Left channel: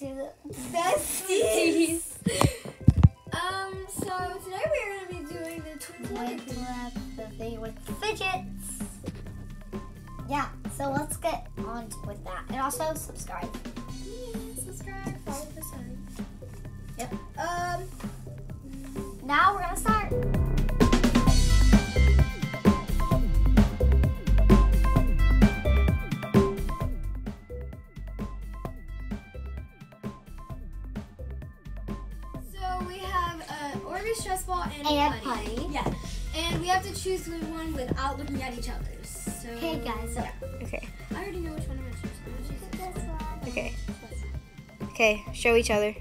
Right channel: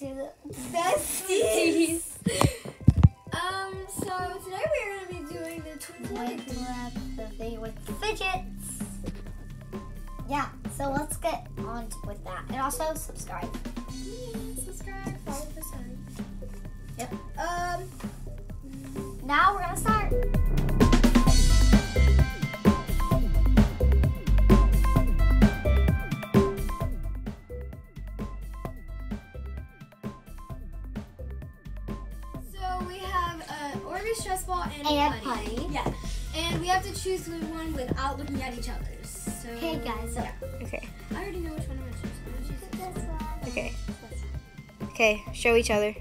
to the besties. So today we're gonna be doing the telepathy with fidgets. Yeah, so let's get on with that, and also subscribe. Yeah, subscribe, follow the sign. Yep. Now we're gonna start. Stress ball and putty. Yeah. And we have to choose one without looking at each other. So okay, guys. So, yeah. Okay. I already know which one I'm gonna choose. I'm gonna choose this one. Okay. Okay, show each other.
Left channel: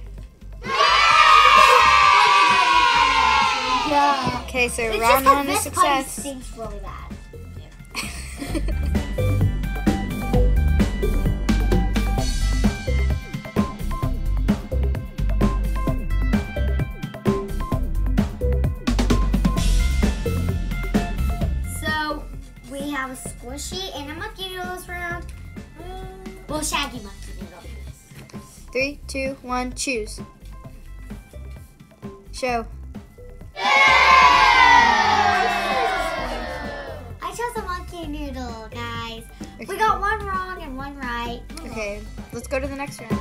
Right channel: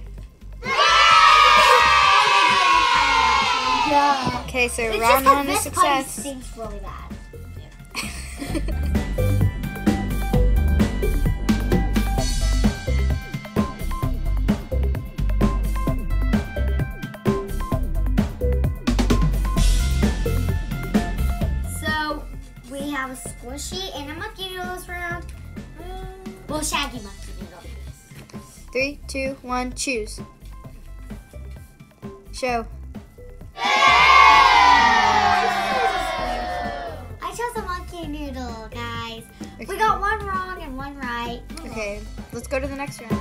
Yeah. Okay, so it's round just one is this success. putty stinks really bad. Yeah. We have a squishy and a monkey noodle this round. Well, shaggy monkey noodle. 3, 2, 1, choose. Show. I chose a monkey noodle, guys. Okay. We got one wrong and one right. Okay, let's go to the next round.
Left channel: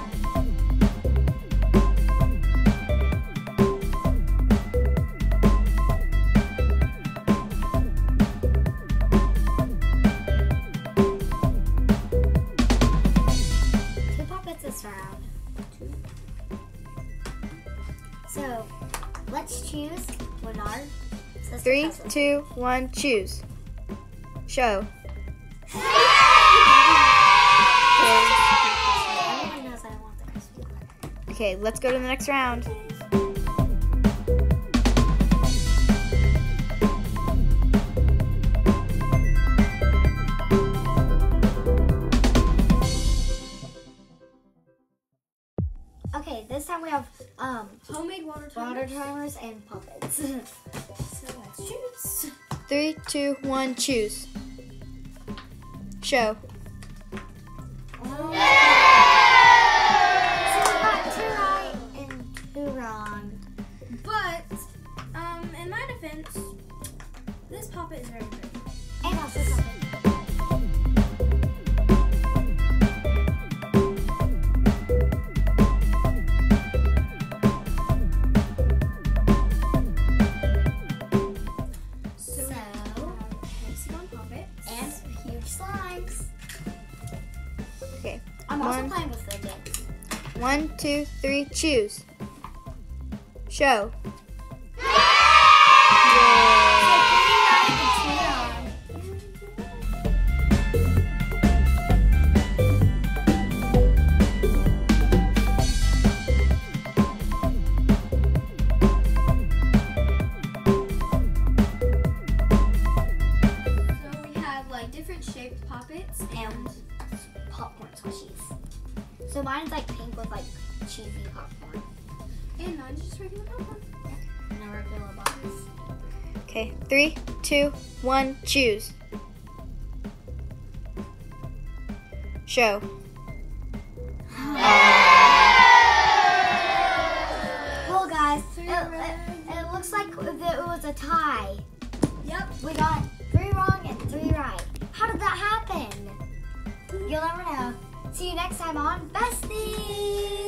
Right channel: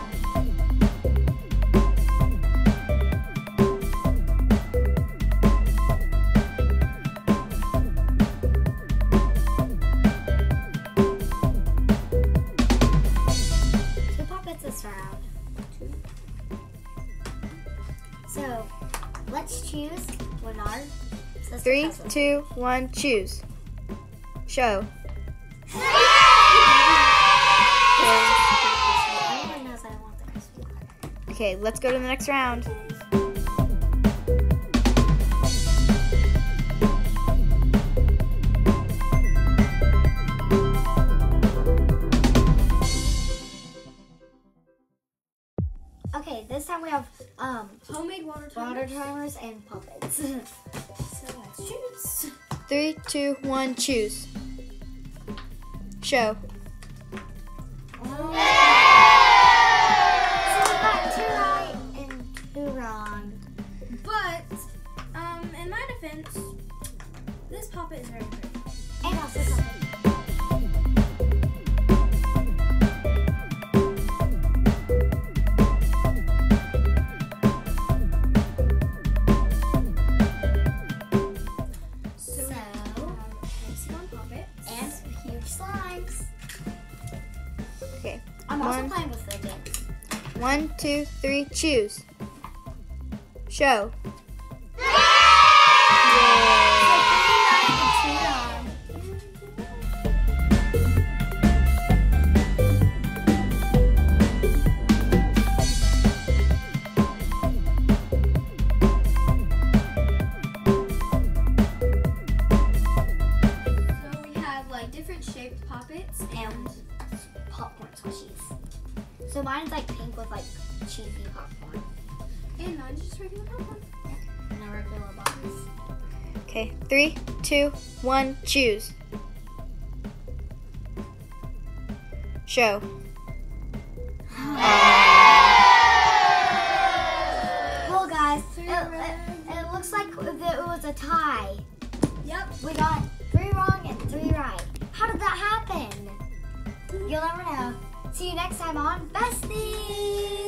This round. So let's choose what our sister 3, 2, 1, choose. Show. Everyone knows I want the crispy one. Okay, let's go to the next round. Okay, this time we have homemade water timers and puppets. So let's choose. 3, 2, 1, choose. Show. So we got 2 right and 2 wrong. But in my defense, this puppet is very pretty. And also something. Slimes. Okay. I'm also playing with fidgets. 1, 2, 3, choose. Show. Different shaped poppets and popcorn squishies. So mine's like pink with like cheesy popcorn. And mine's just regular popcorn. Yeah. And a regular box. Okay, 3, 2, 1, choose. Show. Well, guys, it looks like it was a tie. Yep. We got 3 wrong and 3 right. How did that happen? You'll never know. See you next time on Besties!